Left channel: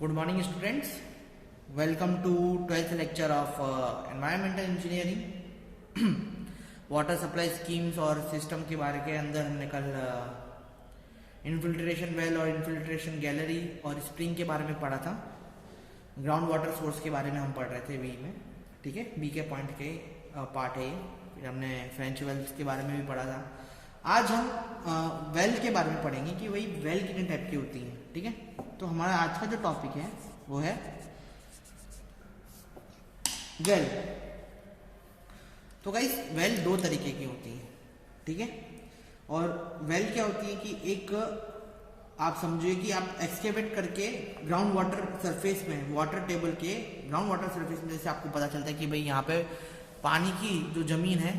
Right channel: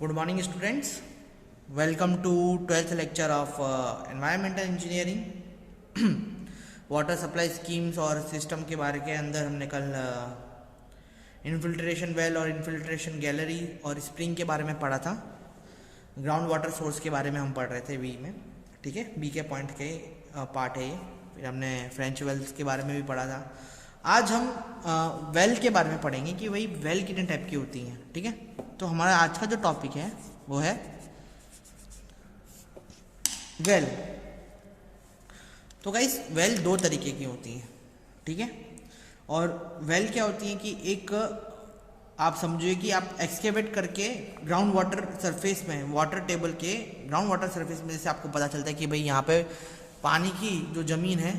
Good morning, students. Welcome to 12th lecture of Environmental Engineering. Water supply schemes और system के बारे के अंदर हमने कल इनफिल्ट्रेशन वेल और इनफिल्ट्रेशन गैलरी और स्प्रिंग के बारे में पढ़ा था. ग्राउंड वाटर सोर्स के बारे में हम पढ़ रहे थे बी में. ठीक है, बी के पॉइंट के पार्ट है ये. फिर हमने फ्रेंच वेल्स के बारे में भी पढ़ा था. आज हम वेल के बारे में पढ़ेंगे कि वही वेल कितने टाइप की होती हैं. ठीक है, तो हमारा आज का जो टॉपिक है वो है वेल. तो गाइस वेल दो तरीके की होती है. ठीक है, और वेल क्या होती है कि एक आप समझिए कि आप एक्सकेवेट करके ग्राउंड वाटर सरफेस में, वाटर टेबल के ग्राउंड वाटर सरफेस में, जैसे आपको पता चलता है कि भाई यहाँ पे पानी की जो ज़मीन है,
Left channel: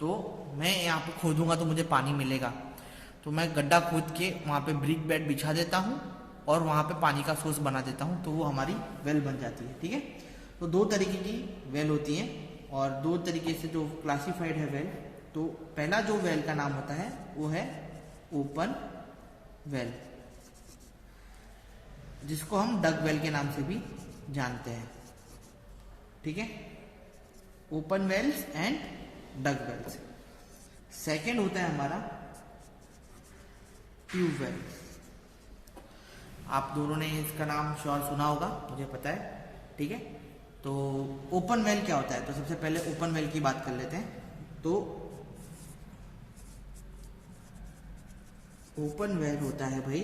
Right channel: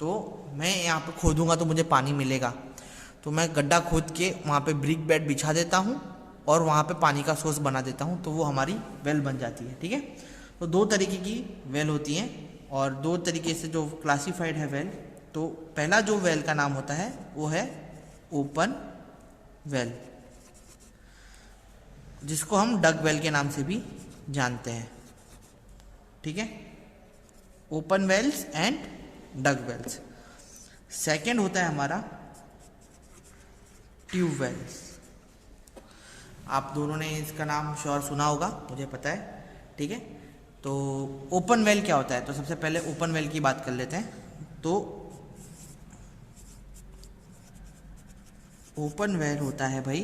तो मैं यहाँ पे खोदूंगा तो मुझे पानी मिलेगा. तो मैं गड्ढा खोद के वहाँ पे ब्रिक बेड बिछा देता हूँ और वहाँ पे पानी का सोर्स बना देता हूँ, तो वो हमारी वेल बन जाती है. ठीक है, तो दो तरीके की वेल होती हैं और दो तरीके से जो क्लासिफाइड है वेल. तो पहला जो वेल का नाम होता है वो है ओपन वेल, जिसको हम डग वेल के नाम से भी जानते हैं. ठीक है, open wells and dug wells. Second होता है हमारा ट्यूब वेल्स. आप दोनों ने इसका नाम श्योर सुना होगा, मुझे पता है. ठीक है, तो ओपन वेल क्या होता है, तो सबसे पहले ओपन वेल की बात कर लेते हैं. तो ओपन वेल होता है भाई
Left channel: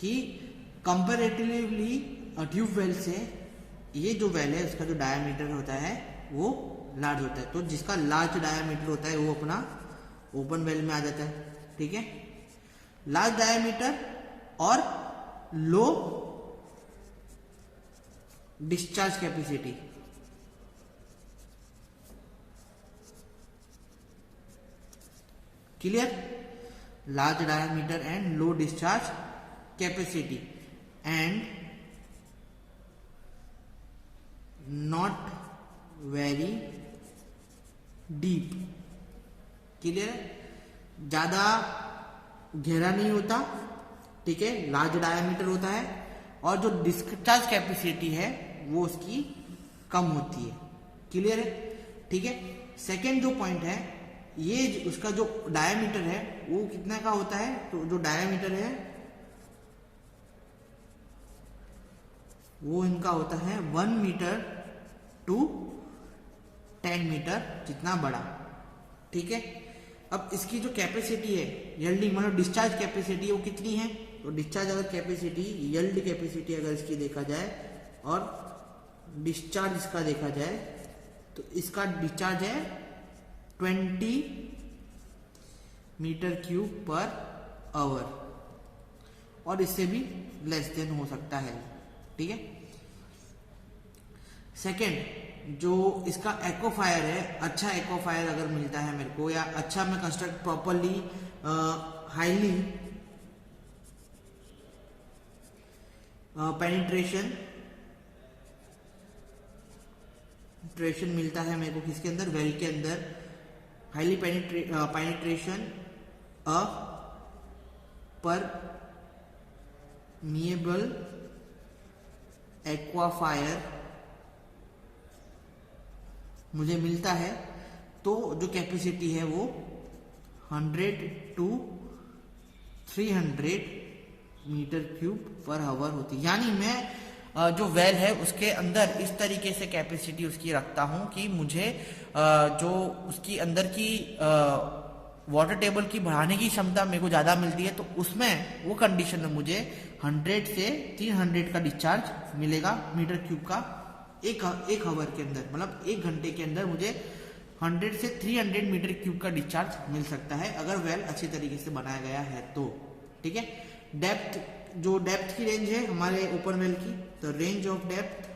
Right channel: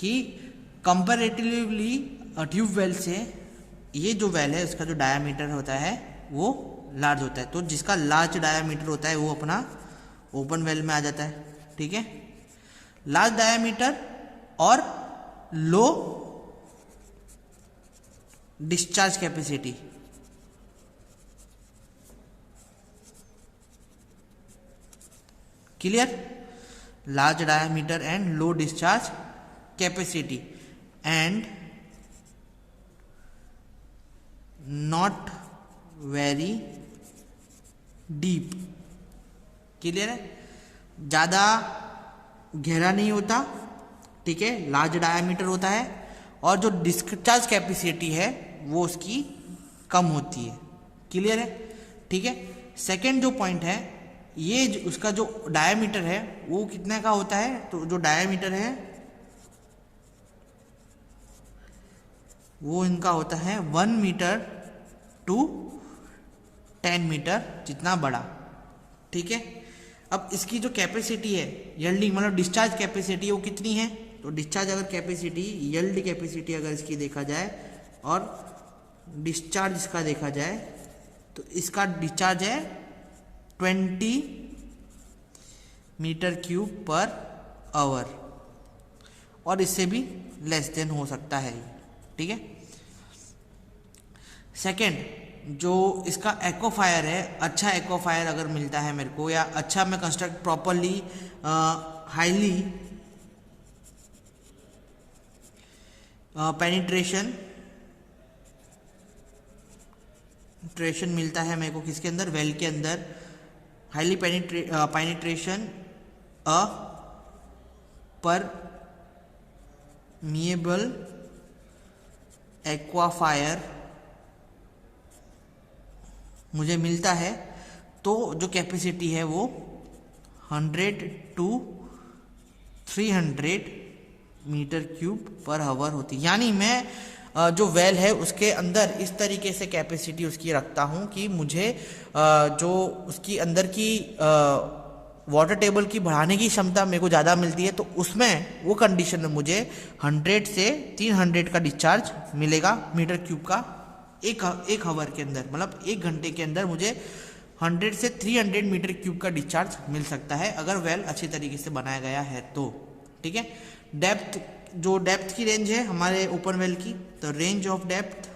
कि कंपैरेटिवली ट्यूब वेल से ये जो वेल है उसका जो डायामीटर होता है वो लार्ज होता है. तो जिसका लार्ज डायामीटर होता है वो अपना ओपन वेल में आ जाता है. ठीक है, लार्ज डायामीटर और low discharge capacity. Clear? Large diameter and low discharge capacity and not very deep. Clear है? ज्यादा गहरा नहीं होता. ठीक है, लार्ज डायामीटर होता है और जो डिस्चार्ज कैपेसिटी है वो उसकी कम होती है. क्लियर है? ठीक है, सेकंड जो पॉइंट है, ये उसका जो डायामीटर है वो कितने का होता है, तो जो डायामीटर है वो इनका होता है 1 मीटर टू 10 मीटर जितना बड़ा. ठीक है, अब इसकी जो कैपेसिटी है यील्डिंग मतलब डिस्चार्ज कैपेसिटी वो कितनी है, तो डिस्चार्ज अगर कैपेसिटी यील्ड कैपेसिटी अगर इसकी देखा जाए और डिस्चार्ज इसका देखा जाए तो इसका डिस्चार्ज है 20 मीटर क्यूब पर आवर और इससे भी लेस देन हो सकता है. ठीक है, सेकंड जो इसका एक्वाफायर है, अच्छा एक्वाफायर अगर मिलता है मेरे को, या अच्छा मैं कंस्ट्रक्ट प्रॉपरली हाईली पेनिट्रेशन मिलता है मेरे को किसके अंदर, वेल के अंदर. हाईली पेनिट्रेशन पर मिएबल एक्वाफायर मुझे मिलता है, तो जो कैपेसिटी है वो 100 to 300 metre cube per hour होती है. यानी मैं जो वेल है उसके अंदर इस तरीके से कैपेसिटी उसकी रखता हूं कि मुझे जो उसकी अंदर की वाटर टेबल की बढ़ाने की क्षमता मेरे को ज़्यादा मिलती है, तो उसमें वो कंडीशन में मुझे 100 से 300 का डिस्चार्ज मिलेगा मीटर क्यूब का एक आवर के अंदर. मतलब एक घंटे के अंदर मुझे 100 से 300 मीटर क्यूब का डिस्चार्ज मिल सकता है अगर वेल अच्छे तरीके से बनाया गया है तो. ठीक है, डेप्थ, जो डेप्थ की रेंज है हमारे ओपन वेल की, तो रेंज ऑफ डेप्थ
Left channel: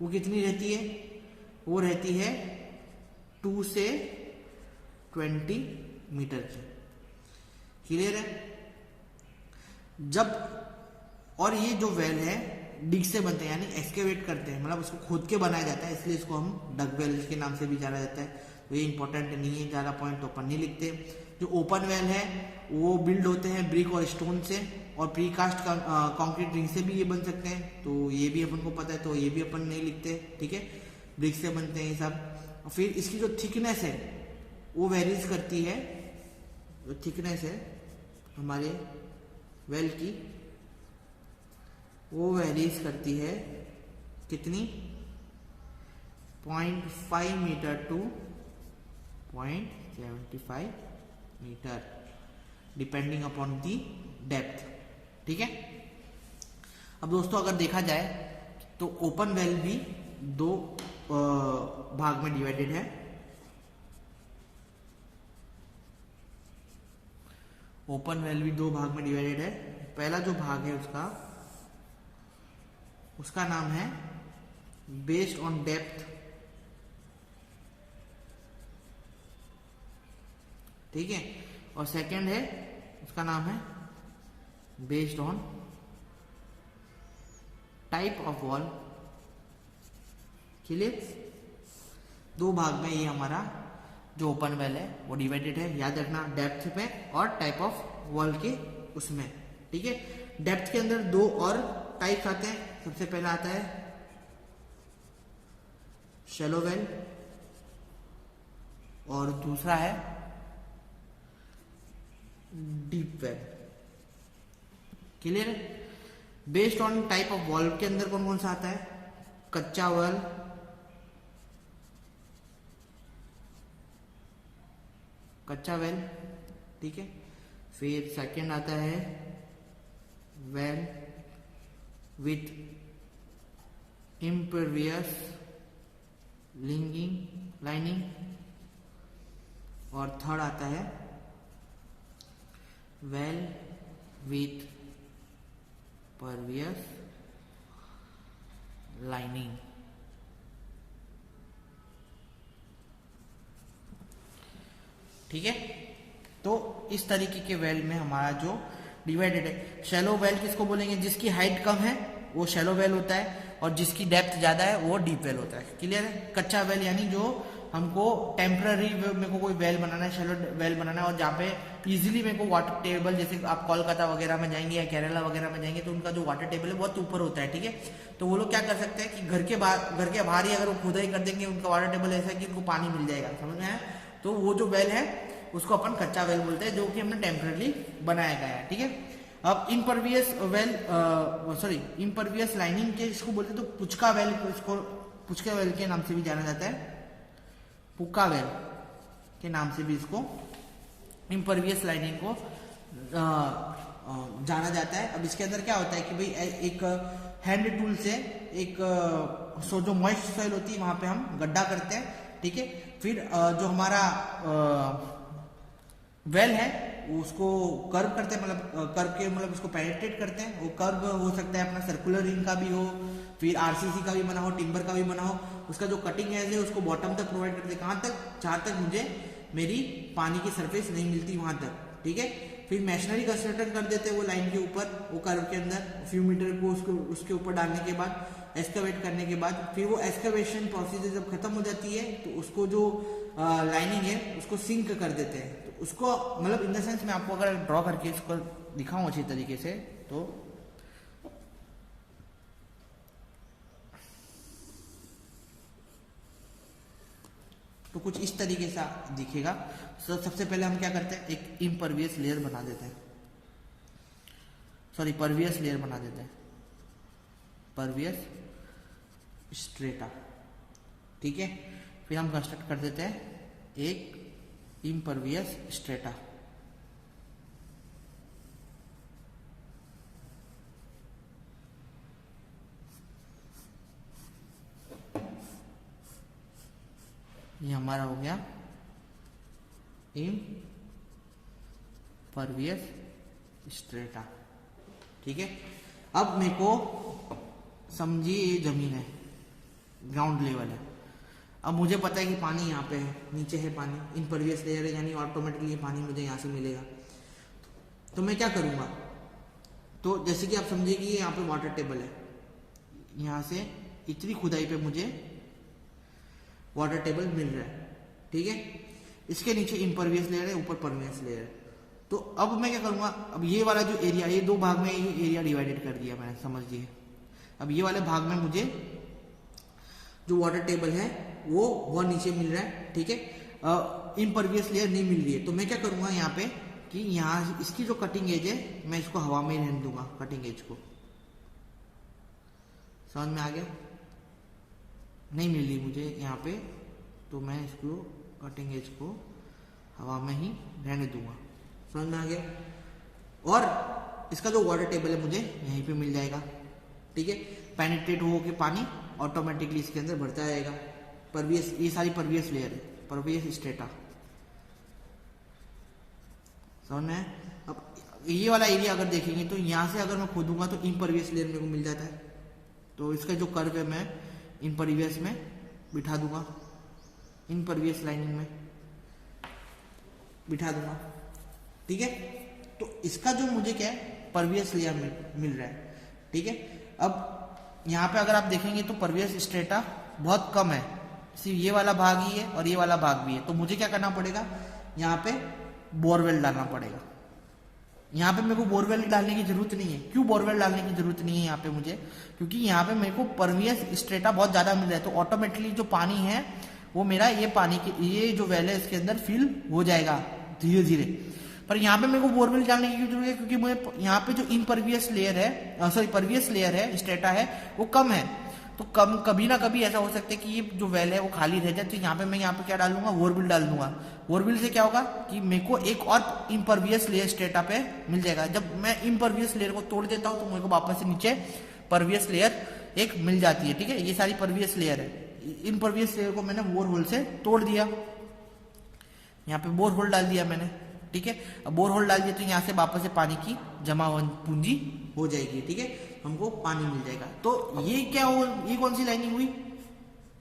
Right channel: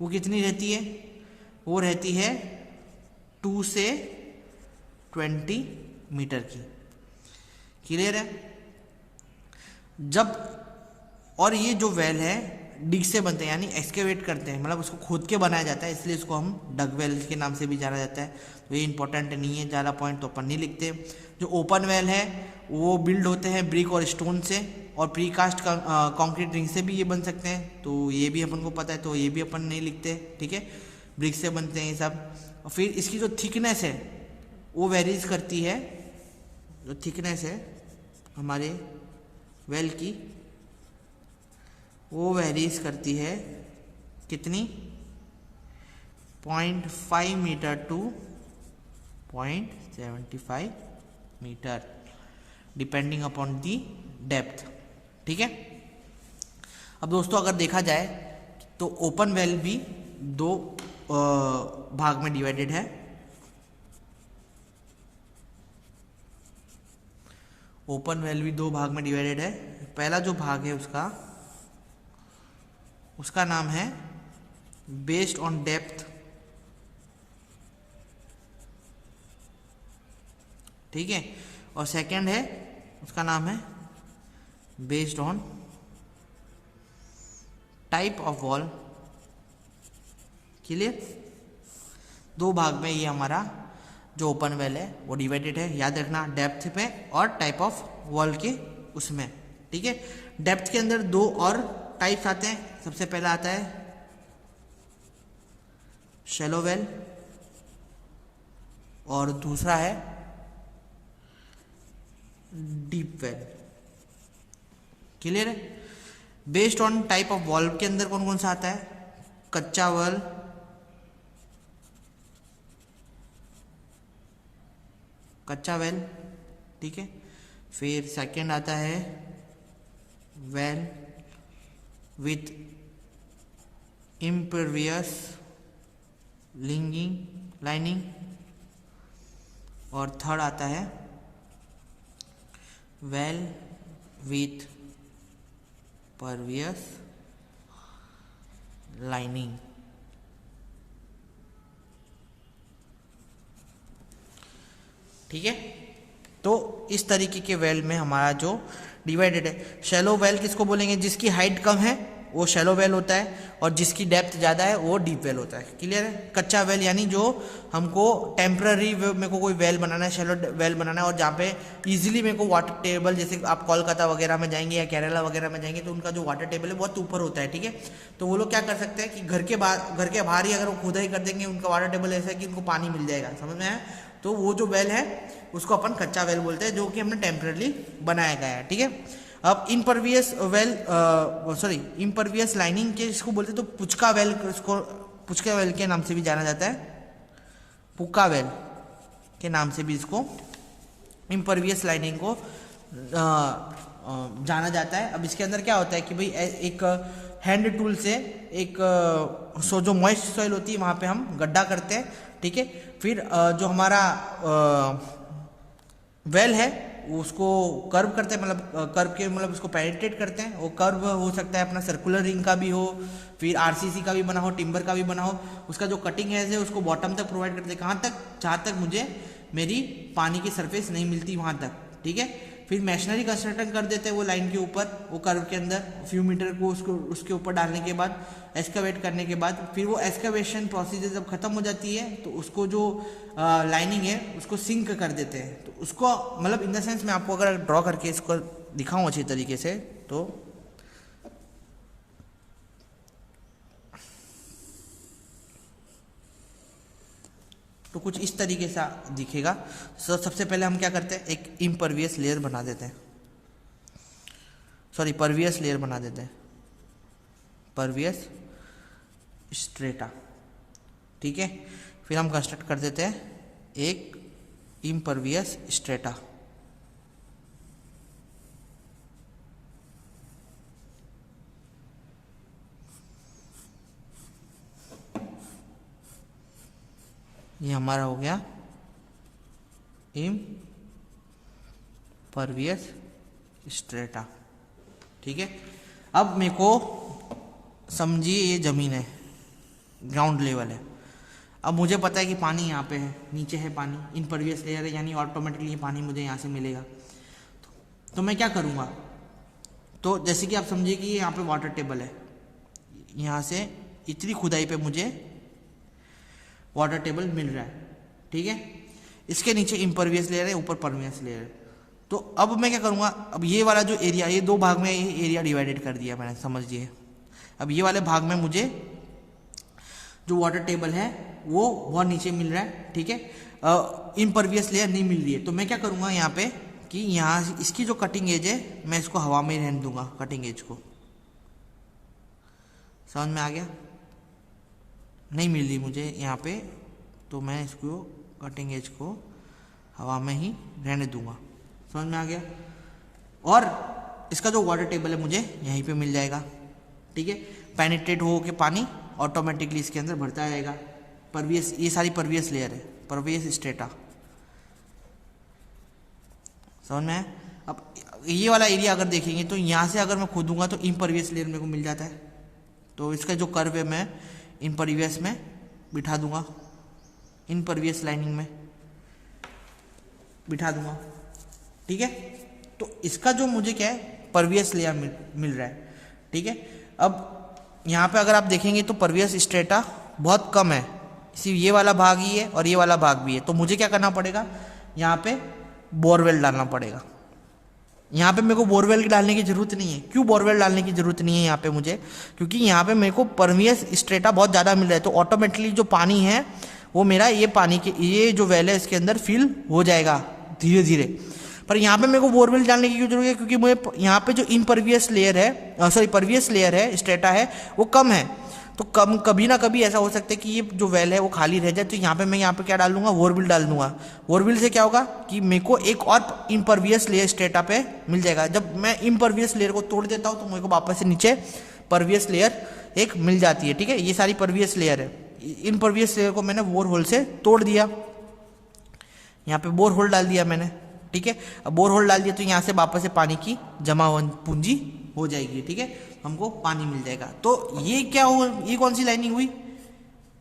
वो कितनी रहती है, वो रहती है 2 से 20 मीटर की. क्लियर है? जब और ये जो वेल है डिग से बनते हैं, यानी एक्सकेवेट करते हैं, मतलब उसको खोद के बनाया जाता है, इसलिए इसको हम डग वेल के नाम से भी जाना जाता है। तो ये इंपॉर्टेंट नहीं है, ज़्यादा पॉइंट तो अपन नहीं लिखते। जो ओपन वेल है वो बिल्ड होते हैं ब्रिक और स्टोन से, और प्रीकास्ट कंक्रीट रिंग से भी ये बन सकते हैं, तो ये भी अपन को पता है, तो ये भी अपन नहीं लिखते, ठीक है। ब्रिक से बनते हैं ये सब। और फिर इसकी जो थिकनेस है वो वेरीज करती है, जो थिकनेस है हमारे वेल की वो वेरीज करती है कितनी, 0.5 metre to 0.75 metre, depending upon the depth, ठीक है। अब दोस्तों अगर देखा जाए तो ओपन वेल भी दो भाग में डिवाइडेड है। ओपन वेल भी दो भाग में डिवाइडेड है। पहला जो भाग है उसका नाम है बेस्ड ऑन डेप्थ, ठीक है। और सेकंड है उसका नाम है based on type of wall. Clear? दो भाग में ये हमारा जो ओपन वेल है वो डिवाइडेड है, याद रखना, डेप्थ पे और टाइप ऑफ वॉल के उसमें, ठीक है। डेप्थ के अंदर दो और टाइप्स आते हैं। सबसे पहला आता है शैलो वेल और दूसरा है डीप वेल। क्लियर है? Based on type of wall के अंदर कौन कौन सा आता है? कच्चा वेल, कच्चा वेल, ठीक है। फिर सेकंड आता है वेल विथ इम्परवियस लाइनिंग, और थर्ड आता है वेल विथ परवियस लाइनिंग। ठीक है, तो इस तरीके के वेल में हमारा जो डिवाइडेड है। शैलो वेल किसको बोलेंगे? जिसकी हाइट कम है वो शैलो वेल होता है, और जिसकी डेप्थ ज़्यादा है वो डीप वेल होता है। क्लियर है? कच्चा वेल यानी जो हमको टेम्पररी मेरे को कोई वेल बनाना है, शैलो वेल बनाना है, और जहाँ पे इजीली मेरे को वाटर टेबल, जैसे आप कोलकाता वगैरह में जाएंगे या केरला वगैरह में जाएंगे तो उनका जो वाटर टेबल है बहुत ऊपर होता है, ठीक है। तो वो लोग क्या कर सकते हैं कि घर के बाहर ही अगर वो खुदाई कर देंगे, उनका वाटर टेबल ऐसा है कि उनको पानी मिल जाएगा, समझ में आया? तो वो जो वेल है उसको अपन कच्चा वेल बोलते हैं, जो कि हमने टेम्पररी बनाया गया है, ठीक है। अब इम्परवियस लाइनिंग के इसको बोलते हैं, तो पुचका वेल, इसको पुचका वेल के नाम से भी जाना जाता है, पुक्का वेल के नाम से भी इसको इम्परवियस लाइनिंग को जाना जाता है। अब इसके अंदर क्या होता है कि भाई एक हैंड टूल से एक जो मॉइस्ट सॉइल होती है वहां पे हम गड्ढा करते हैं, ठीक है। फिर जो हमारा वेल है उसको कर्व करते हैं, मतलब उसको पेनिट्रेट करते हैं। वो कर्व हो सकता है अपना सर्कुलर रिंग का भी हो, फिर आरसीसी का भी बना हो, टिम्बर का भी बना हो। उसका जो कटिंग एज है उसको बॉटम तक प्रोवाइड करते हैं, कहाँ तक? जहाँ तक मुझे मेरी पानी की सरफेस नहीं मिलती वहाँ तक, ठीक है। फिर मैशनरी कंस्ट्रक्शन कर देते हैं वो लाइन के ऊपर, वो कर्व के अंदर फ्यू मीटर को उसके ऊपर डालने के बाद, एक्सकवेट करने के बाद, फिर वो एक्सकवेशन प्रोसीजर जब खत्म हो जाती है तो उसको जो लाइनिंग है उसको सिंक कर देते हैं। तो उसको मतलब इन द सेंस मैं आपको अगर ड्रॉ करके इसको दिखाऊं अच्छी तरीके से तो कुछ इस तरीके से दिखेगा। सबसे पहले हम क्या करते हैं, एक इम्परवियस लेयर बना देते हैं, परवियस लेयर बना देते हैं, परवियस स्ट्रेटा, ठीक है। फिर हम कंस्ट्रक्ट कर देते हैं एक इम्परवियस स्ट्रेटा, ये हमारा हो गया इम्परवियस स्ट्रेटा, ठीक है। अब मेरे को समझिए ये जमीन है, ग्राउंड लेवल है। अब मुझे पता है कि पानी यहाँ पे है, नीचे है पानी, इम्परवियस लेयर है, यानी ऑटोमेटिकली ये पानी मुझे यहाँ से मिलेगा। तो मैं क्या करूँगा? तो जैसे कि आप समझिए कि यहाँ पे वाटर टेबल है, यहाँ से इतनी खुदाई पे मुझे वाटर टेबल मिल रहा है, ठीक है। इसके नीचे इम्परवियस लेयर है, ऊपर परवियस लेयर है। तो अब मैं क्या करूँगा, अब ये वाला जो एरिया, ये दो भाग में ये एरिया डिवाइडेड कर दिया मैंने, समझिए। अब ये वाले भाग में मुझे जो वाटर टेबल है वो बहुत नीचे मिल रहा है, ठीक है। इम्परवियस लेयर नहीं मिल रही है, तो मैं क्या करूँगा यहाँ पे कि यहाँ इसकी जो कटिंग एज है मैं इसको हवा में ही रहने दूंगा, कटिंग एज को। समझ में आ गया? नहीं मिल रही मुझे यहाँ पे, तो मैं इसको कटिंग एज को हवा में ही रहने दूंगा। समझ में आ गया? और इसका जो वाटर टेबल है मुझे यहीं पे मिल जाएगा, ठीक है। पेनिट्रेट हो के पानी ऑटोमेटिकली इसके अंदर भरता जाएगा। परवियस, ये सारी परवियस लेयर है, परवियस स्ट्रेटा। समझ में? अब ये वाला एरिया अगर देखेंगे तो यहाँ से अगर मैं खोदूंगा तो इम्परवियस लेयर मेरे को मिल जाता है। तो इसका जो कर्व है मैं इम्परवियस में बिठा दूंगा, इम्परवियस लाइनिंग में बिठा दूंगा, ठीक है। तो इसका जो मुझे क्या है, परवियस लेयर मिल रहा है, ठीक है। अब यहाँ पे अगर आप देखेंगे तो परवियस स्ट्रेटा बहुत कम है, सिर्फ ये वाला भाग ही है और ये वाला भाग भी है। तो मुझे क्या करना पड़ेगा, यहाँ पे बोरवेल डालना पड़ेगा। यहाँ पे मेरे को बोरवेल डालने की जरूरत नहीं है। क्यों बोरवेल डालने की जरूरत नहीं है यहाँ पे मुझे? क्योंकि यहाँ पे मेरे को परवियस स्ट्रेटा बहुत ज़्यादा मिल रहा है, तो ऑटोमेटिकली जो पानी है वो मेरा ये पानी के, ये जो वेल है इसके अंदर फिल हो जाएगा धीरे धीरे। पर यहाँ पे मेरे को बोरवेल डालने की क्यों जरूरत है? क्योंकि मुझे यहाँ पे जो इम्परवियस लेयर है, सॉरी परवियस लेयर है, स्ट्रेटा है, वो कम है। तो कम, कभी ना कभी ऐसा हो सकता है कि ये जो वेल है वो खाली रह जाए, तो यहाँ पे मैं यहाँ पे क्या डाल दूंगा, बोरवेल डाल दूंगा। बोरवेल से क्या होगा कि मेरे को एक और इम्परवियस लेयर स्ट्रेटा पे मिल जाएगा। जब मैं इम्परवियस लेयर को तोड़ देता हूँ तो मेरे को वापस से नीचे परवियस लेयर एक मिल जाती है, ठीक है। ये सारी परवियस लेयर है। इम्परवियस लेयर को मैंने बोर होल से तोड़ दिया, यहाँ पे बोर होल डाल दिया मैंने, ठीक है। अब बोर होल डाल दिया तो यहाँ से वापस से पानी की जमा पूंजी हो जाएगी, ठीक है, हमको पानी मिल जाएगा। तो ये क्या हुआ, ये कौन सी लाइनिंग हुई,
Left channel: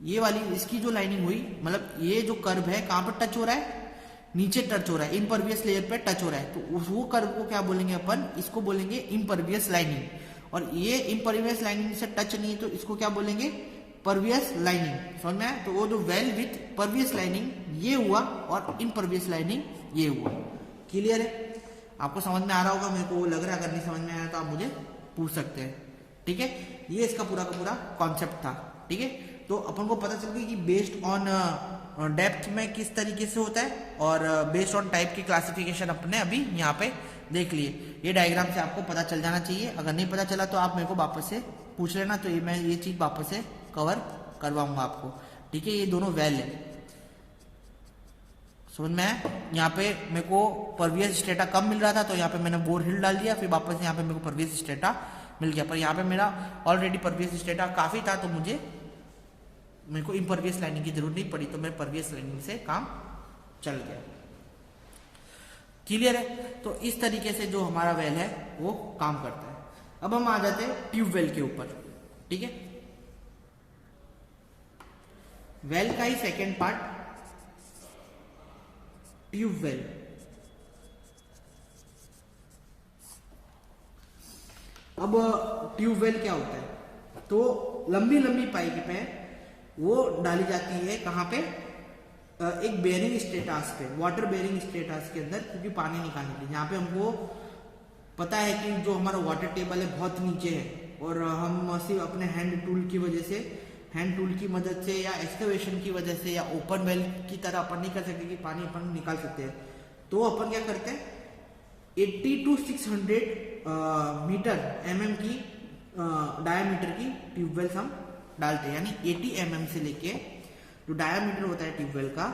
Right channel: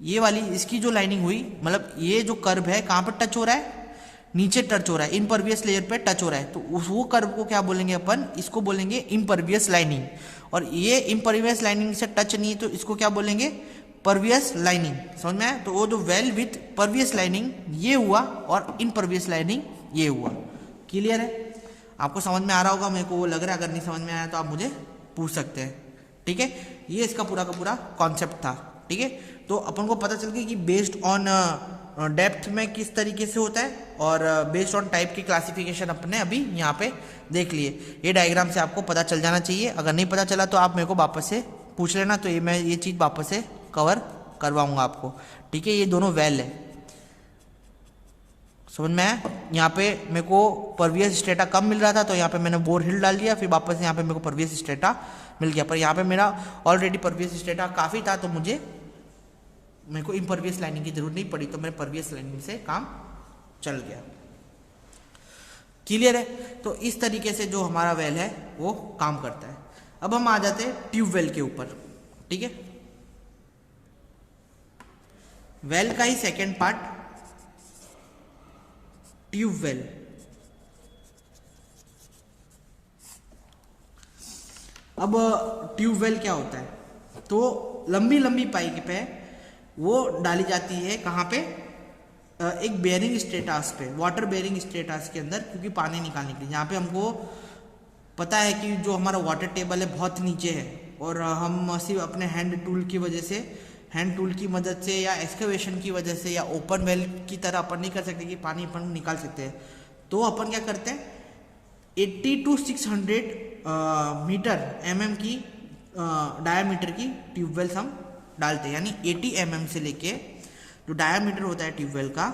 ये वाली, इसकी जो लाइनिंग हुई, मतलब ये जो कर्व है कहाँ पर टच हो रहा है, नीचे टच हो रहा है, इम्परवियस लेयर पे टच हो रहा है। तो वो कर्व को क्या बोलेंगे अपन, इसको बोलेंगे इम्परवियस लाइनिंग। और ये इम्परवियस लाइनिंग से टच नहीं, तो इसको क्या बोलेंगे, परवियस लाइनिंग। समझ में आया? तो वो जो वेल विथ परवियस लाइनिंग ये हुआ और इम्परवियस लाइनिंग ये हुआ। क्लियर है? आपको समझ में आ रहा होगा, मेरे को वो लग रहा है। अगर नहीं समझ में आया तो आप मुझे पूछ सकते हैं, ठीक है। ये इसका पूरा का पूरा कॉन्सेप्ट था, ठीक है। तो अपन को पता चल गया कि बेस्ड ऑन डेप्थ में किस तरीके से होता है, और बेस्ड ऑन टाइप की क्लासिफिकेशन अपने अभी यहाँ पे देख लिए। ये डायग्राम से आपको पता चल जाना चाहिए। अगर नहीं पता चला तो आप मेरे को वापस से पूछ लेना, तो ये मैं ये चीज़ वापस से कवर करवाऊंगा आपको, ठीक है। ये दोनों वेल है, समझ में आया? यहाँ पे मेरे को परवियस स्ट्रेटा कम मिल रहा था, तो यहाँ पे मैंने बोर हिल डाल दिया, फिर वापस यहाँ पे मेरे को परवियस स्ट्रेटा मिल गया। पर यहाँ पे मेरा ऑलरेडी परवियस स्ट्रेटा काफ़ी था, तो मेरे को इम्परवियस लाइनिंग की जरूरत नहीं पड़ी, तो मेरे परवियस लाइनिंग से काम चल गया। क्लियर है? तो इस तरीके से जो हमारा वेल है वो काम करता है। अब हम आ जाते हैं ट्यूबवेल के ऊपर, ठीक है। वेल का ही सेकेंड पार्ट ट्यूबवेल। अब ट्यूबवेल क्या होता है, तो लंबी लंबी पाइप पे वो डाली जाती है, कहाँ पे, एक बेयरिंग स्टेटास पे, वाटर बेयरिंग स्टेटास के अंदर, क्योंकि पानी निकालने के लिए। यहाँ पे हमको पता है कि जो हमारा वाटर टेबल है बहुत नीचे है, और हम सिर्फ अपने हैंड टूल की वजह से, हैंड टूल की मदद से या एक्सकवेशन की वजह से या ओपन वेल की तरह अपन नहीं कर सकते कि पानी अपन निकाल सकते हैं। तो अपन क्या करते हैं, 80 to 600 मीटर mm की डायामीटर की ट्यूबवेल्स हम डालते हैं। यानी 80 mm से लेके जो डायामीटर होता है ट्यूबवेल का,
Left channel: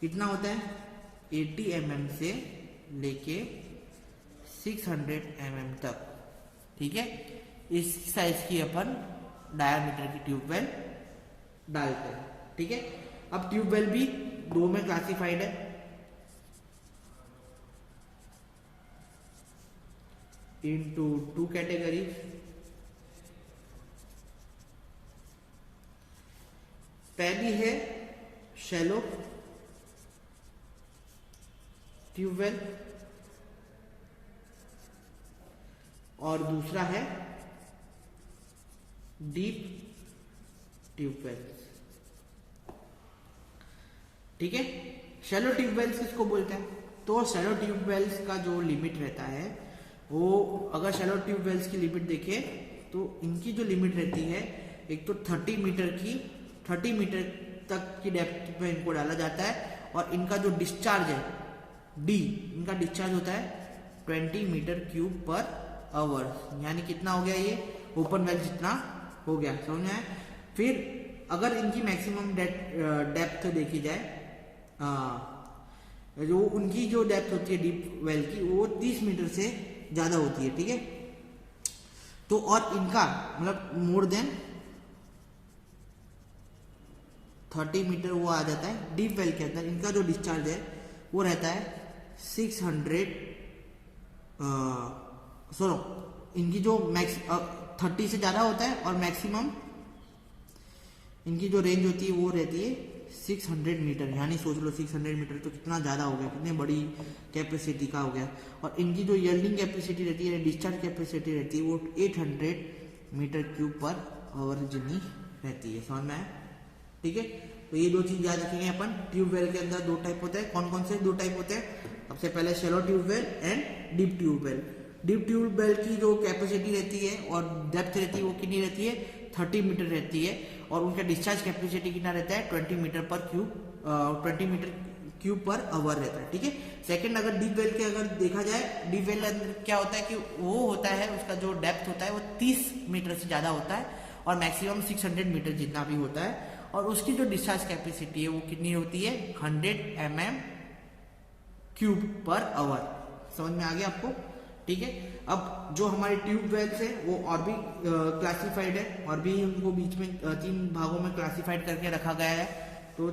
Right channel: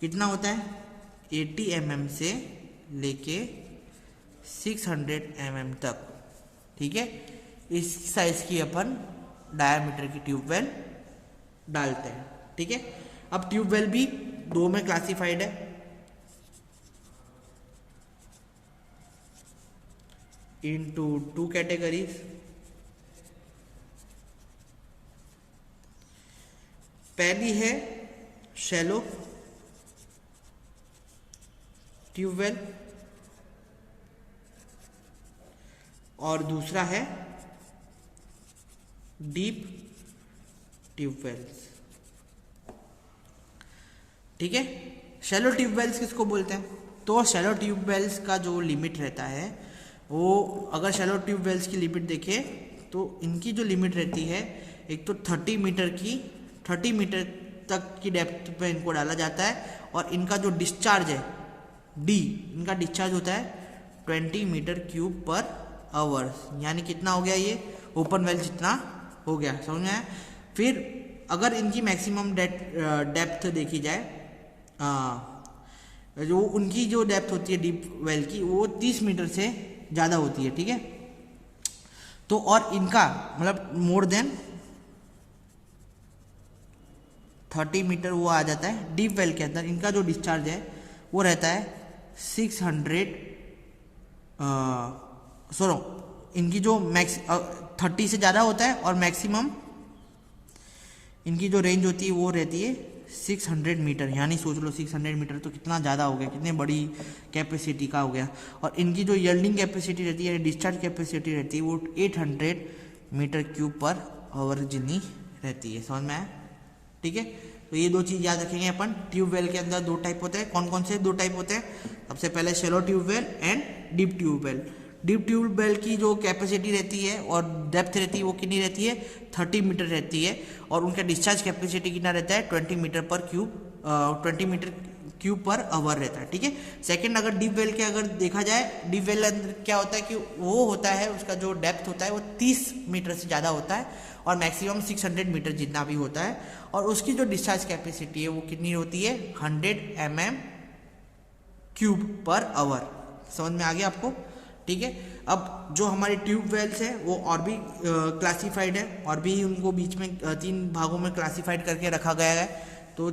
कितना होता है, 80 mm से लेके 600 mm तक, ठीक है। इस साइज की अपन डायामीटर की ट्यूबवेल डालते हैं, ठीक है। अब ट्यूबवेल भी दो में क्लासिफाइड है, इनटू 2 कैटेगरीज। पहली है शैलो ट्यूबवेल, और दूसरा है डीप ट्यूबवेल्स। ठीक है, शैलो ट्यूबवेल्स किसको बोलते हैं? तो शैलो ट्यूबवेल्स का जो लिमिट रहता है वो, अगर शैलो ट्यूबवेल्स की लिमिट देखें तो इनकी जो लिमिट रहती है, एक तो 30 मीटर तक की डेप्थ पे इनको डाला जाता है, और इनका जो डिस्चार्ज है डी, इनका डिस्चार्ज होता है 20 मीटर क्यूब पर आवर, यानी कितना हो गया ये ओपन वेल जितना हो गया, समझ में आया? फिर अगर इनकी मैक्सिमम डेप्थ देखी जाए, जो उनकी जो डेप्थ होती है डीप वेल की, वो 30 मीटर से ज़्यादा होती है। ठीक है, तो और इनका मतलब मोर देन 30 मीटर वो आ जाता है डीप वेल के अंदर। इनका जो डिस्चार्ज है वो रहता है 600, इनकी जो मैक्स 30 से ज़्यादा होता है, और मैक्सिमम इनकी जो रेंज होती है वो रहती है 600 मीटर, यानी सोच लो 600 मीटर तो कितना ज़्यादा हो गया, कितने बड़ी कैपेसिटी का हो गया। और इनकी जो यील्डिंग कैपेसिटी रहती है, डिस्चार्ज कैपेसिटी रहती है, वो 800 मीटर क्यूब पर आवर जितनी रहती है, समझ में आया? ठीक है, तो ये दो चीज़ याद रखेंगे अपन। ट्यूबवेल के अंदर दो टाइप होते हैं, कौन कौन से दो टाइप होते हैं? सबसे पहले shallow tubewell and deep tubewell. Deep tubewell की जो कैपेसिटी रहती है और डेप्थ रहती है वो कितनी रहती है? 30 मीटर रहती है, और उनका डिस्चार्ज कैपेसिटी कितना रहता है? 20 मीटर क्यूब पर आवर रहता है। ठीक है, सेकंड, अगर डीप वेल के अगर देखा जाए, डीप वेल क्या होता है कि वो होता है, उसका जो डेप्थ होता है वो 30 मीटर से ज़्यादा होता है, और मैक्सिमम 600 मीटर जितना भी होता है, और उसकी जो डिस्चार्ज कैपेसिटी है वो कितनी होती है? 100 mm क्यूब पर आवर। समझ में आ गया आपको? ठीक है, अब जो हमारे ट्यूब वेल्स है वो और भी क्लासिफाइड है, और भी उनको बीच में 3 भागों में क्लासिफाइड करके रखा गया है। तो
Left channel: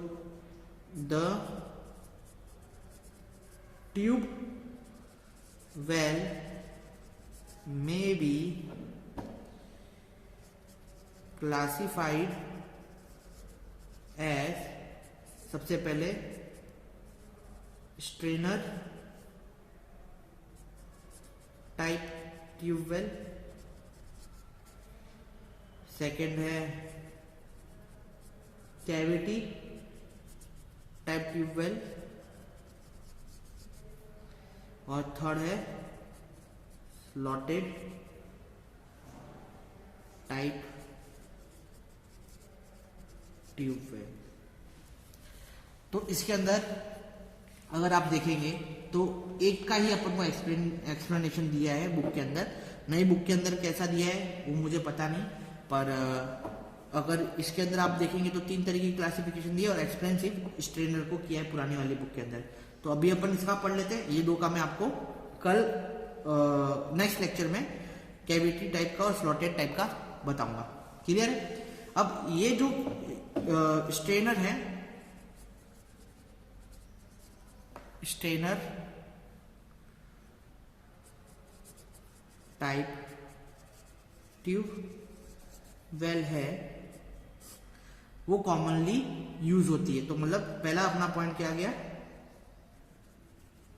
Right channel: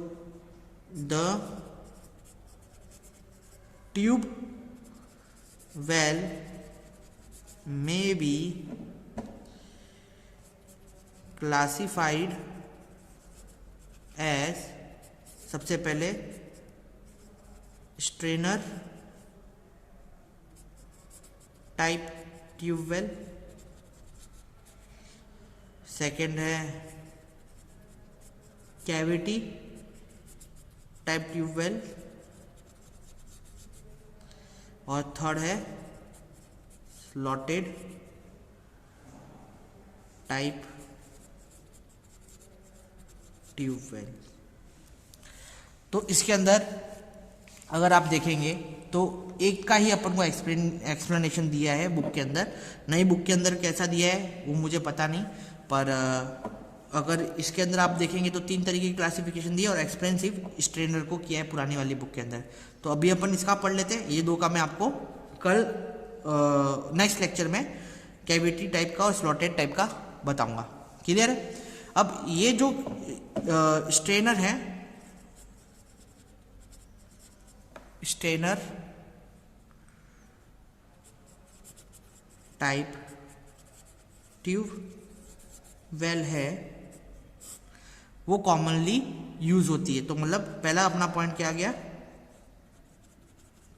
the tube well may be classified as, सबसे पहले स्ट्रेनर टाइप ट्यूबवेल, सेकंड है कैविटी टाइप ट्यूबवेल, और थर्ड है स्लॉटेड टाइप ट्यूबवेल। तो इसके अंदर अगर आप देखेंगे तो एक का ही अपन को एक्सप्लेनेशन दिया है बुक के अंदर। नई बुक के अंदर कैसा दिया है वो मुझे पता नहीं, पर अगर इसके अंदर आप देखेंगे तो 3 तरीके की क्लासिफिकेशन दी है, और एक्सप्लेन सिर्फ स्ट्रेनर को किया है पुरानी वाली बुक के अंदर। तो अभी अपन इसका पढ़ लेते हैं। ये दो का मैं आपको कल नेक्स्ट लेक्चर में कैविटी टाइप का और स्लॉटेड टाइप का बताऊंगा। क्लियर है? अब ये जो स्ट्रेनर है, स्ट्रेनर टाइप ट्यूब वेल है, वो कॉमनली यूज होती है। तो मतलब पहला अपना पॉइंट क्या आ गया?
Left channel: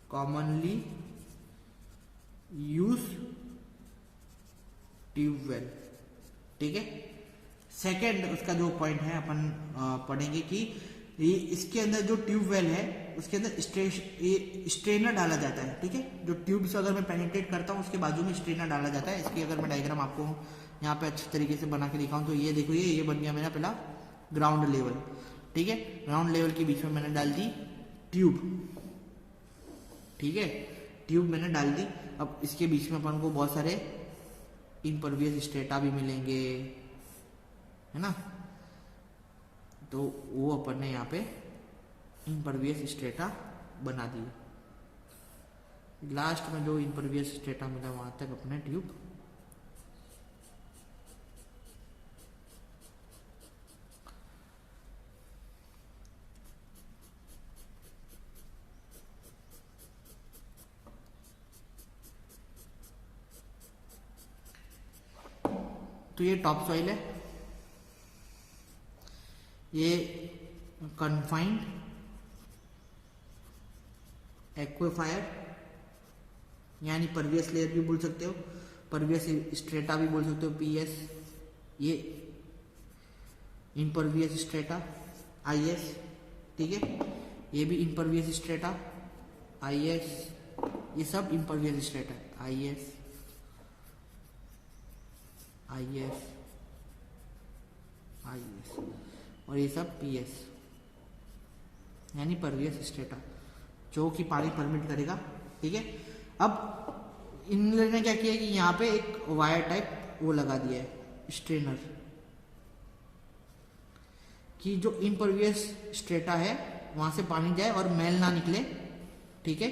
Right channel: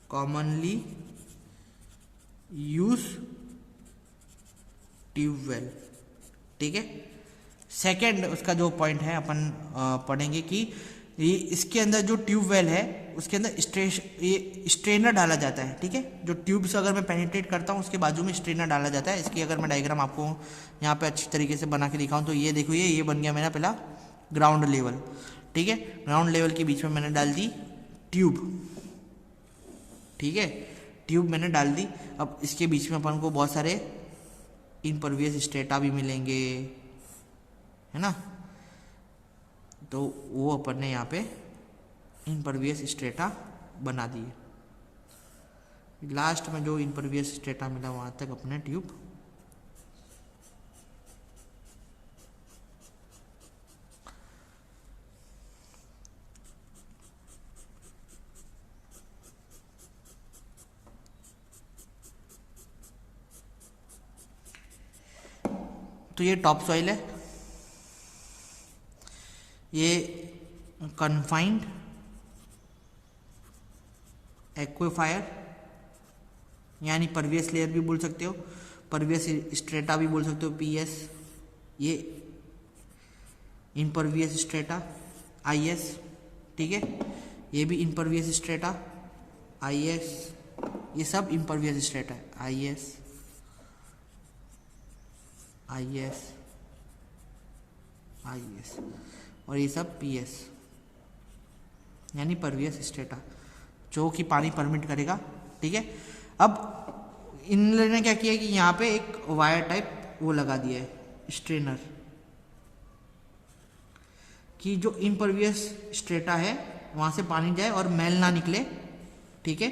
Commonly use tubewell. ठीक है, सेकेंड उसका जो पॉइंट है अपन पढ़ेंगे कि ये इसके अंदर जो ट्यूबवेल है उसके अंदर स्ट्रेनर डाला जाता है। ठीक है, जो ट्यूब से अगर मैं पेनिट्रेट करता हूँ उसके बाजू में स्ट्रेनर डाला जाता है। इसकी अगर मैं डायग्राम आपको यहाँ पे अच्छी तरीके से बना के दिखाऊं तो ये देखो, ये बन गया मेरा पहला ग्राउंड लेवल। ठीक है, ग्राउंड लेवल के बीच में मैंने डाल दी ट्यूब। ठीक है, ट्यूब मैंने डाल दी। अब इसके बीच में अपन को बहुत सारे इम्परवियस स्ट्रेटा भी मिलेंगे, है ना? तो वो अपन ने यहाँ पे इम्परवियस स्ट्रेटा बना दिए। लास्ट में जो इम्परवियस स्ट्रेटा मिला वहां तक अपने ट्यूब तो ये टॉप सॉइल है, ये कन्फाइंड एक्वाफायर यानी परवियस लेयर भी बोल सकते हो। परवियस स्ट्रेटा भी बोल सकते हो, PS, ये इनपरवियस स्ट्रेटा, IS, ठीक है, ये भी इनपरवियस स्ट्रेटा, IS, ये सब इनपरवियस स्ट्रेटा, IS, IS, IS, और ये सब PS यानी परवियस स्ट्रेटा, जो कि पानी परमिट करेगा, ठीक है। अब इन लोगों ने क्या किया कि यहाँ पे एक वायर टाइप वो लगा दिया है, स्ट्रेनर, कि जो इनपरवियस स्ट्रेटा है वहाँ से पानी जाए और मैल ना निकले, ठीक है,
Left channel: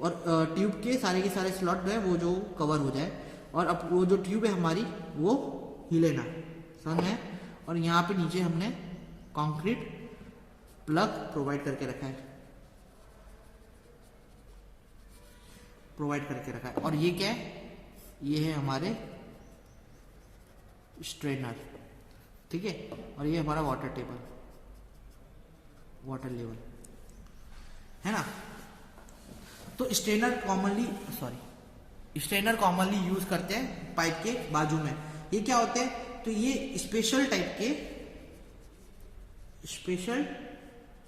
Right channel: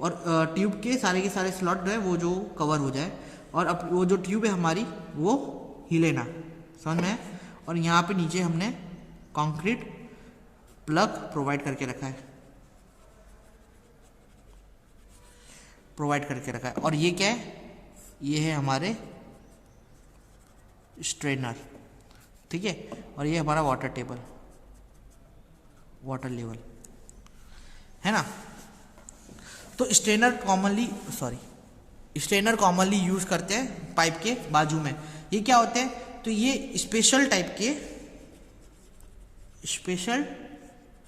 और ट्यूब के सारे स्लॉट जो है वो जो कवर हो जाए, और अब वो जो ट्यूब है हमारी वो हिले ना, समझ में। और यहाँ पे नीचे हमने कंक्रीट प्लग प्रोवाइड करके रखा है, और ये क्या है, ये है हमारे स्ट्रेनर, ठीक है, और ये हमारा वाटर लेवल है ना। तो स्ट्रेनर कॉमनली यूज करते हैं पाइप के बाजू में। ये क्या होते हैं, तो ये स्पेशल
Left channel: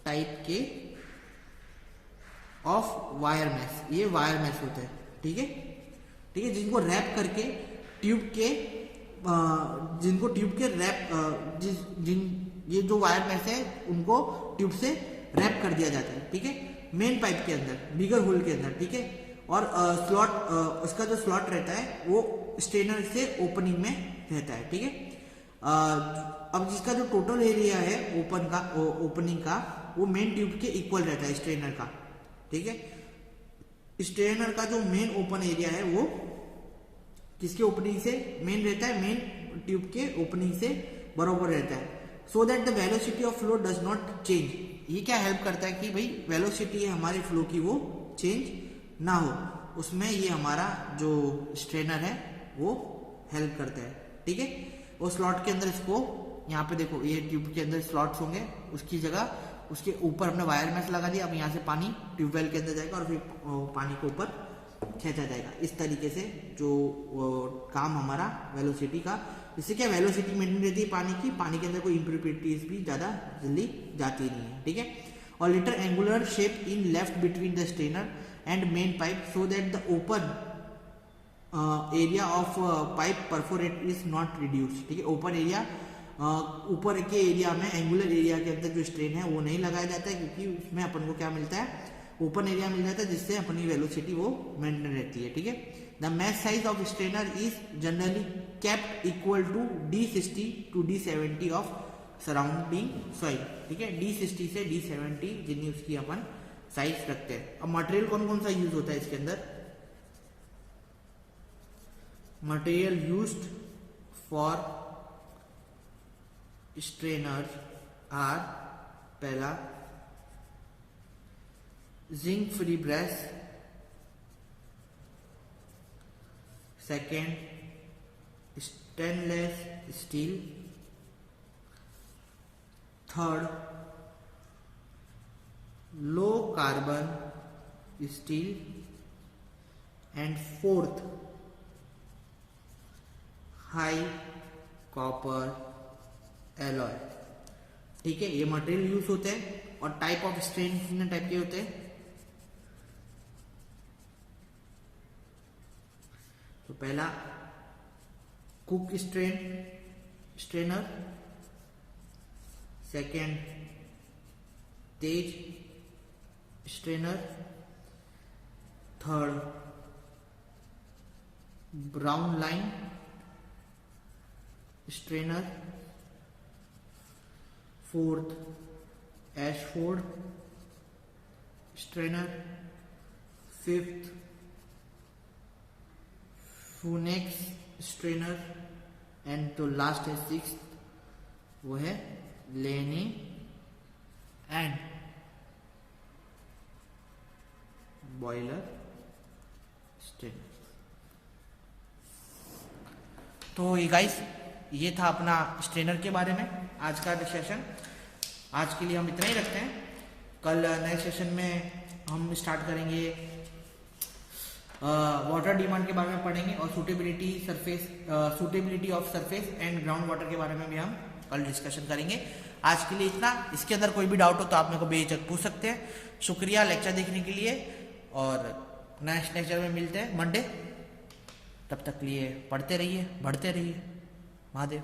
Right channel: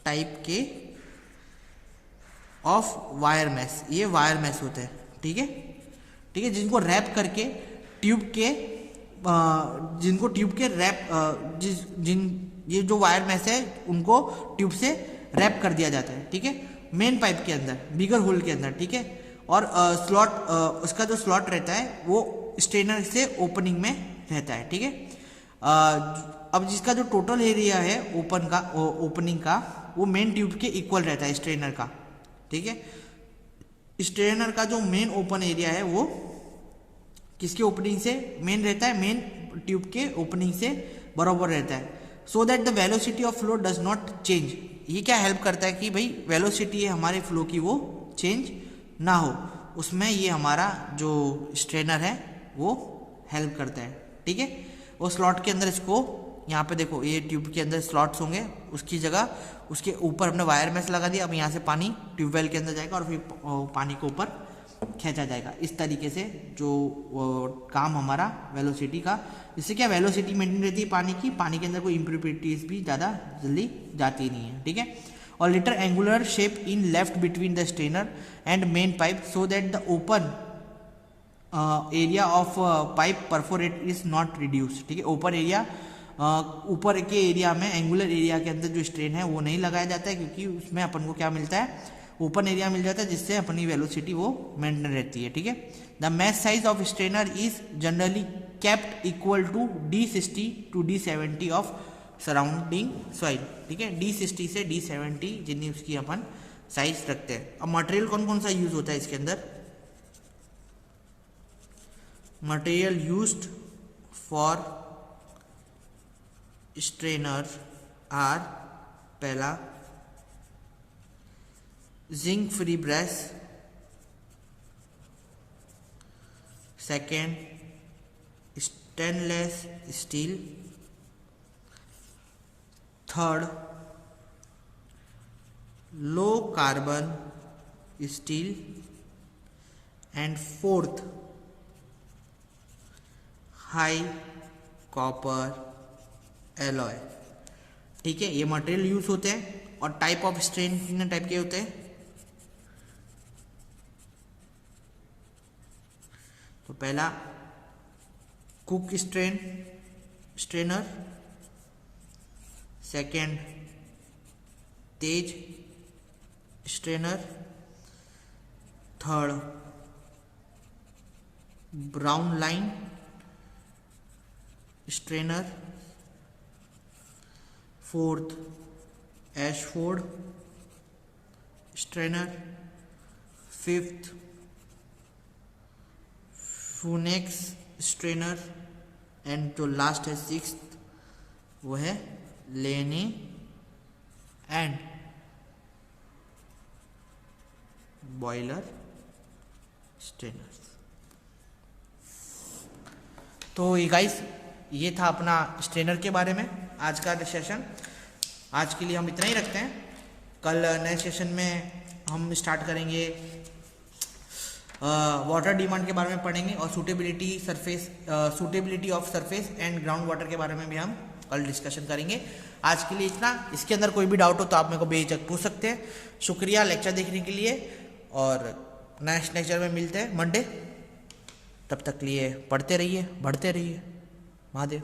टाइप के ऑफ वायर मैश, ये वायर मैश होते हैं, ठीक है, जिनको रैप करके ये जो वायर मैश है उनको ट्यूब से रैप कर दिया जाता है, ठीक है, मेन पाइप के अंदर, बिगर होल के अंदर, ठीक है। और उसका जो स्लॉट रहता है वो स्ट्रेनर से ओपनिंग में रहता है, ठीक है। अब जिसका जो टोटल एरिया है ओपनिंग का वो मेन ट्यूब के इक्वल रहता है स्ट्रेनर का, ठीक है। स्ट्रेनर का जो मेन ओपन एरिया है वो किसके ओपनिंग से मेन रहता है, मेन ट्यूब के ओपनिंग से बराबर रहता है, सो that the velocity of flow does not change. ये क्या हेल्प करता है कि भाई वेलोसिटी है हमारे फ्लो की वो चेंज ना हो, उसमें ये हमारा जो स्ट्रेनर है वो हेल्प करता है, ठीक है। वो स्लॉट के अंदर इसको यहाँ पे देखो, ये ट्यूब के अंदर स्लॉट्स होंगे, उसकी जगह उसके ऊपर हमने वायर मैश लगा दिया। अब यहाँ से पानी ट्यूबवेल के अंदर जाएगा और फिर पानी को ऊपर खींचा जाएगा। इस तरीके से जो काम हमारा वेलोसिटी का, इससे क्या वेलोसिटी मेंटेन रहती है पानी के अंदर कोई इम्प्योरिटीज भी ज़्यादा जल्दी जाती नहीं है, ठीक है। और later angular shape in left between the strainer and main pipe so that the open area of pipe perforate is not reduce, ठीक है। ऊपर के एरिया में, एंगुलर एरिया के अंदर जो स्ट्रेन है वो नहीं लगाया जाता है, क्योंकि उसमें अपन को क्या मिलता है, ओपन एरिया मिल जाता है, जिससे अपनी वेलोसिटी वो मेंटेन रहती है, ठीक है। The mesh size of strainer is generally kept equal to D60 to D70 of surrounding soil, ठीक है। D60 से D70 जितनी उसकी अपन साइज रखते हैं। अब मटेरियल कौन कौन सा यूज होता है इसके अंदर, material used for strainer are, पहला zinc free brush, second stainless steel, third low carbon steel, and fourth high copper alloy, ठीक है। ये मटेरियल यूज होते हैं। और टाइप ऑफ स्ट्रेन कितने टाइप के होते हैं, तो पहला कुक स्ट्रेनर, सेकेंड तेज strainer, third brown line strainer, fourth Ashford strainer, fifth फूनेक्स स्ट्रेनर, एंड जो लास्ट है सिक्स्थ वो है लेनी एंड बॉयलर स्ट्रेनर। तो ये गाइस, ये था अपना स्ट्रेनर के बारे में आज का सेशन। आज के लिए हम इतना ही रखते हैं। कल नए सेशन में हम स्टार्ट करेंगे वाटर डिमांड के बारे में पढ़ेंगे और suitability of surface and ground water के बारे में भी हम कल डिस्कशन करेंगे। आज के लिए इतना। इसके अंदर कोई भी डाउट हो तो आप मेरे को बेझिझक पूछ सकते हैं। शुक्रिया लेक्चर देखने के लिए और नेक्स्ट लेक्चर में मिलते हैं मंडे। तब तक लिए पढ़ते रहिए, बढ़ते रहिए। महादेव।